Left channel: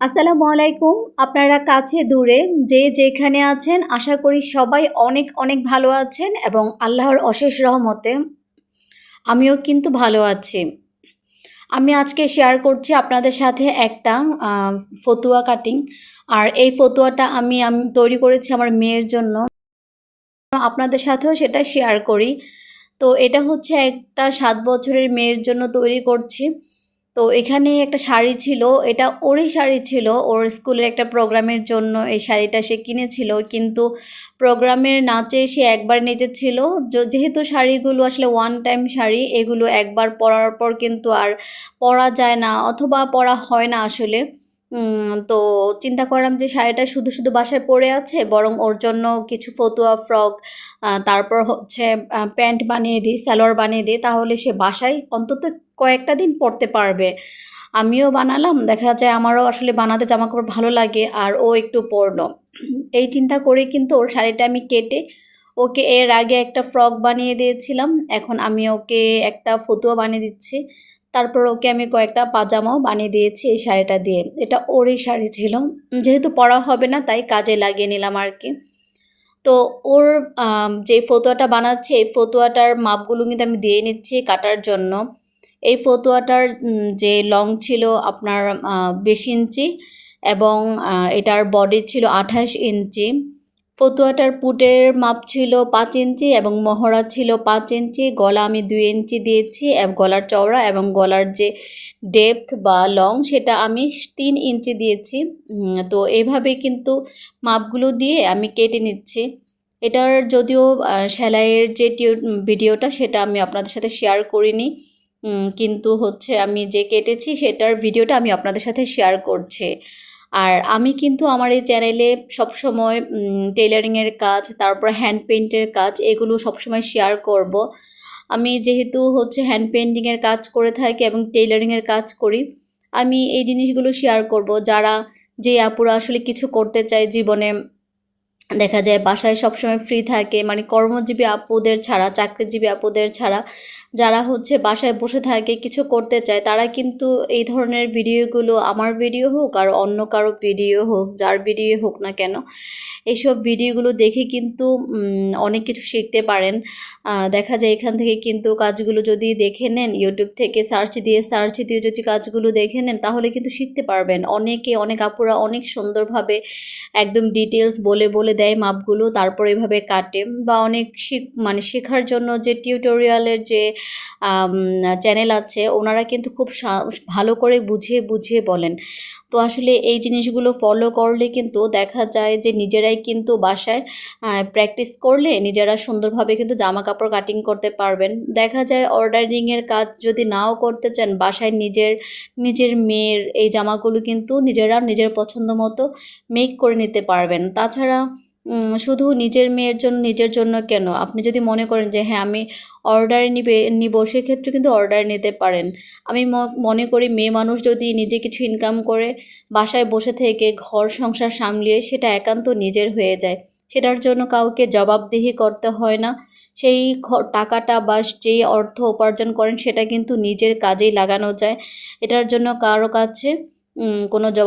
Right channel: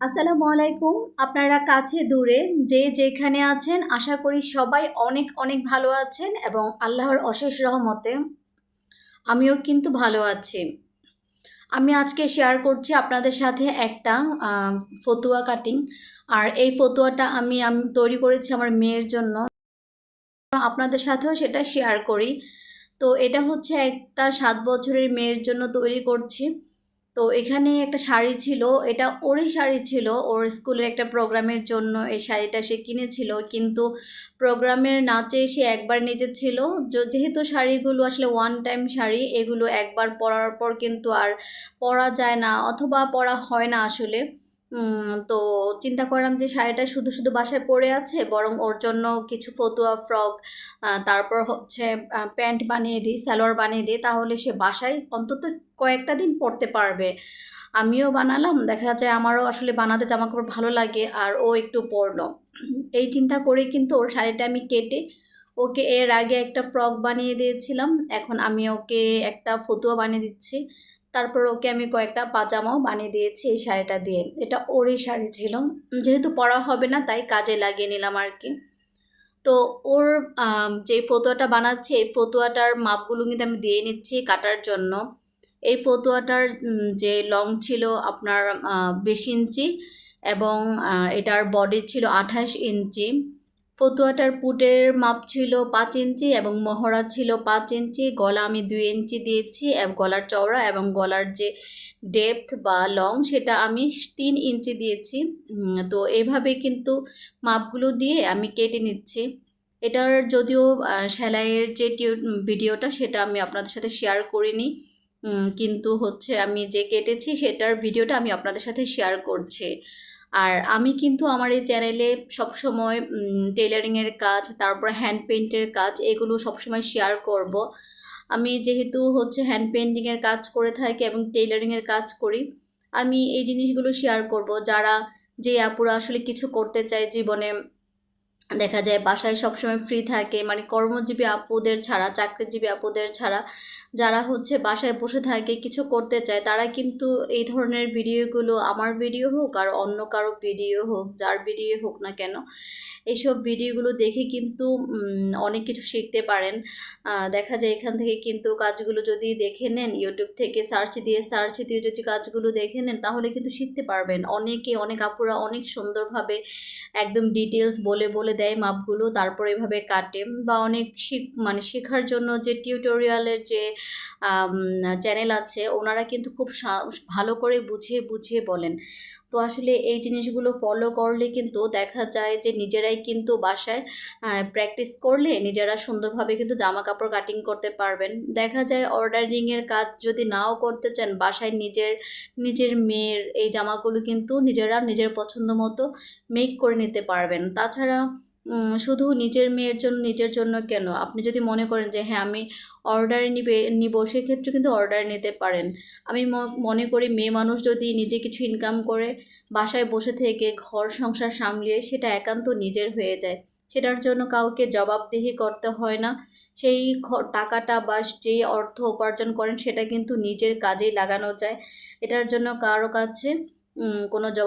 আসসালামু আলাইকুম। আপনারা কাছে দূরে যে যেখানে আছেন আশা করি সবাই অনেক অনেক ভালো আছেন এবং আল্লাহর অশেষ রহমতে আমিও কিন্তু ভালো আছি। আমি আজকে শেয়ার করছি আপনাদের সাথে একটা ফতুয়া কাটিং। আর এই ফতুয়াটা আমি তৈরি করেছি আমার মেয়ের জন্য। আপনাদের সাথেও সেটা শেয়ার করি। তো এটা হচ্ছে একটা ৭ বছরের মেয়ের জন্য তৈরি করছি। তো এখানে একটা শাড়ি ছিল, এটা ওরই শাড়ি ছিল। ওর স্কুলের একটা প্রোগ্রামের জন্য এই শাড়িটা সে কিনেছিল। কিন্তু প্রোগ্রামের নাচে সে একবার নেচেছিল। যেহেতু শাড়িগুলো আসলে ওয়ান টাইম শাড়ি, এগুলো একবার পরার পর কিন্তু আর পরা যায় না অথবা পরা হয় না আসলে। তো চিন্তা করলাম যে শাড়িটা শুধু শুধু বাসায় পড়ে আছে, বরং ওর জন্য কিছু ফতুয়া ফ্রক, তারপর হচ্ছে প্যান্ট বানিয়ে দিই, সালোয়ার বানিয়ে দিই, তাহলে সে বাসায় অন্তত কয়েকটা দিন পরতে পারবে। আমিও বানালাম, দেখা যায় আমারও আসলে বানাতে জামাকাপড় ভালো লাগে আর ও একটু পরলো। এই চিন্তা করে কিন্তু ওর শাড়িটা আমি কেটে ওকে এর আগে একটা ফ্রক বানিয়ে দিয়েছিলাম। এখন আমি ওকে একটা ফতুয়া বানিয়ে দিচ্ছি। তারপর ওকে আমি কয়েকটা পাজামাও বানিয়ে দিয়েছি এই শাড়িটা দিয়ে। এটা ওরই শাড়ি ছিল, যেহেতু পরা হবে না তাই কাজে লাগিয়ে নিলাম আর কি। তো ওর যে ফতুয়াটা বানাচ্ছি এই ফতুয়াটার মাপগুলো কিন্তু আমি দিয়ে নিচ্ছি কাটার জন্য। এই ফতুয়াটার যে লং ছিল আপনার ২০ ইঞ্চি এবং এটার বডি ছিল ২৮ ইঞ্চি। ফতুয়াটার পুটের মাপ ছিল ৫ ইঞ্চি এবং মহড়া ছিল ৫ ইঞ্চি। গলা আমি ২ ইঞ্চি দিয়েছি গলার চওড়া, এবং গলার যে ডেপথ বা লং সেটা আমি ৩ ইঞ্চি দিয়েছি। তো এইভাবে কিন্তু মাপগুলো দিয়ে আমি কেটে নিচ্ছি। এটার যদিও সেলাইয়ের যে ভিডিওটা সেটা আমি আপনাদের সাথে শেয়ার করিনি, কিন্তু হচ্ছে আমি যে কেটেছি সেটার ভিডিওটা আমি আপনাদের সাথে শেয়ার করছি। আর আমি কিন্তু আমার এই চ্যানেলে সবসময় টেইলারিংয়ের কাজ, তারপর হ্যান্ড পেইন্টের কাজ, এগুলো সবসময় শেয়ার করব। আমি যেহেতু হচ্ছে হ্যান্ড পেইন্টিংয়ের কাজ করে থাকি এবং টেইলারিংয়ের কাজ করি, আমি এই জিনিসগুলো শেয়ার করব। যে আপুরা আসলে কিছু করতে চায় জীবনে, দেখা যায় বাসায় সবসময় ফ্রি থাকে, মানে কর্মজীবী আপুদের ছাড়া, চাকরিজীবী আপুদের ছাড়া যারা হচ্ছে বাসায় বসে থাকে কিছু করতে চায়, তারা কিন্তু এই ধরনের ভিডিওগুলো, আমার ভিডিও হোক আর অন্য কারো ভিডিও হোক, যার ভিডিও হোক না কেন, এইসব ভিডিওগুলো দেখে কিন্তু অনেক কিছু শিখতে পারেন। দেখা যায় এখান থেকে কিন্তু কাজগুলো যদি দেখে নেন, ইউটিউব থেকে সার্চ দিয়ে যদি কাজগুলো দেখে নেন তাহলে কিন্তু শিখতে পারবেন। অনেক আপুরা অনেক সুন্দরভাবে একদম ডিটেলস বলে বলে দেয় মাপগুলো, তারপর এভাবে কাটে। বা অনেক মানে শেখার জন্য যে টিউটোরিয়ালের যে চ্যানেল আছে, ওনারা কিন্তু খুব ভালো করে বুঝিয়ে বুঝিয়ে বলেন। তো আসলে এই জিনিসগুলো ফলো করলে কিন্তু দেখা যায় যে নিজেরাই কিন্তু বাসায় প্র্যাকটিস করলে নিজেরা সুন্দরভাবে কিন্তু জামা কাপড় কাটিং করতে পারবেন। দেখা যায় অর্ডারিংয়ের কাজ যদি নাও করতে চান, বাসায় নিজের মেয়ের এই জামাগুলো কিন্তু নিজেরা নিজের পছন্দ মতো মেক করে নিতে পারবেন। তাছাড়া শুধু নিজের জন্য কেন, আপনি যদি মনে করেন যে হ্যাঁ আমি অর্ডার নিব, সেক্ষেত্রে কিন্তু অর্ডার নিতে পারেন। আমি মনে করি মেয়ে মানুষ যদি নিজে কিছু ইনকাম করে বাসায় বসে থেকে ঘর সংসার সামলিয়ে সেটা একান্ত নিজের হয়ে যায়, সেটার জন্য কাউকে জবাবদিহি করতে হয় না। সেই টাকাটা বা যেই অর্থ উপার্জন করেন সেটা কিন্তু নিজের কাজেই লাগানো যায়। এটার জন্য কারো কাছে কোনো জবাব